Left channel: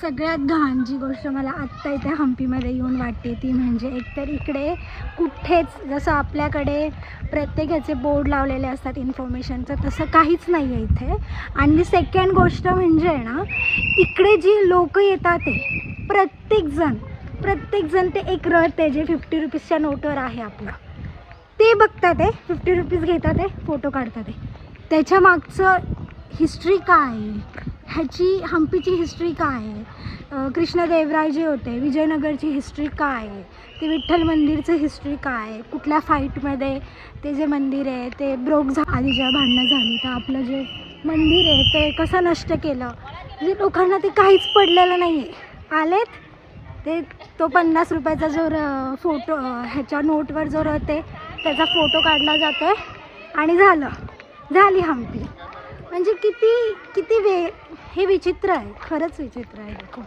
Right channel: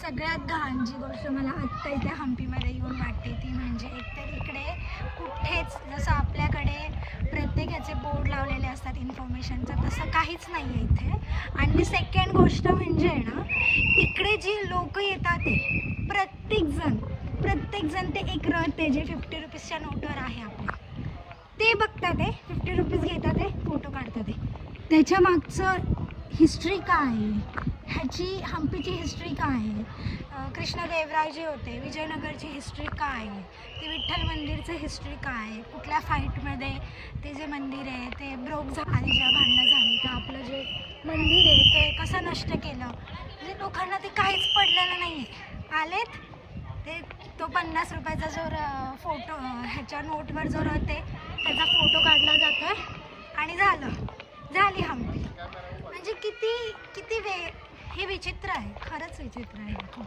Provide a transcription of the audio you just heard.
सगळ्यात घाण जी गोष्ट मला आत्ता इथे हम्पीमध्ये येऊन वाटते ती म्हणजे एकतर इकडे कुठेच जसं आपल्याकडे प्रत्येकाचे बोर्ड लावलेले असतात इन्फॉर्मेशनचं, तसं काहीच नाही आहे इथे. आणि सेकंड गोष्ट म्हणजे ना, इकडे जी लोक येतात ते प्रत्येकजण ते एक रथ आहे जे 50 रुपीजच्या नोटवर आहे आपला, ते बघतात आहे, 50 रुपीज घेतात आहे, फोटो काढतात आहे. त्याच्या मागचं हिस्ट्री काय आहे, ह्याची हम्पीची हिस्ट्री काय आहे, कृष्णदेवराय जे होते विजयनगरची हिस्ट्री काय आहे, ते विठ्ठल मंदिरचं हिस्ट्री काय आहे, कुठल्या फाईटमध्ये ते जे मंदिर आहे ते आधी ज्या भांडणं झाली तर आपलं जे मंदिर आहे ते कसं नष्ट केलं, म्हणजे लोकांना ते काहीच पडलेलं नाही आहे. आलेत ते तो 50 रुपयाचा जो फोटो ह्याच्या नोटवर जो राहते त्याचा फोटो काढला जातो आहे आणि झाली हम्पी. म्हणजे किती हे विचित्र आहे, खरंच विचित्र आहे खूप.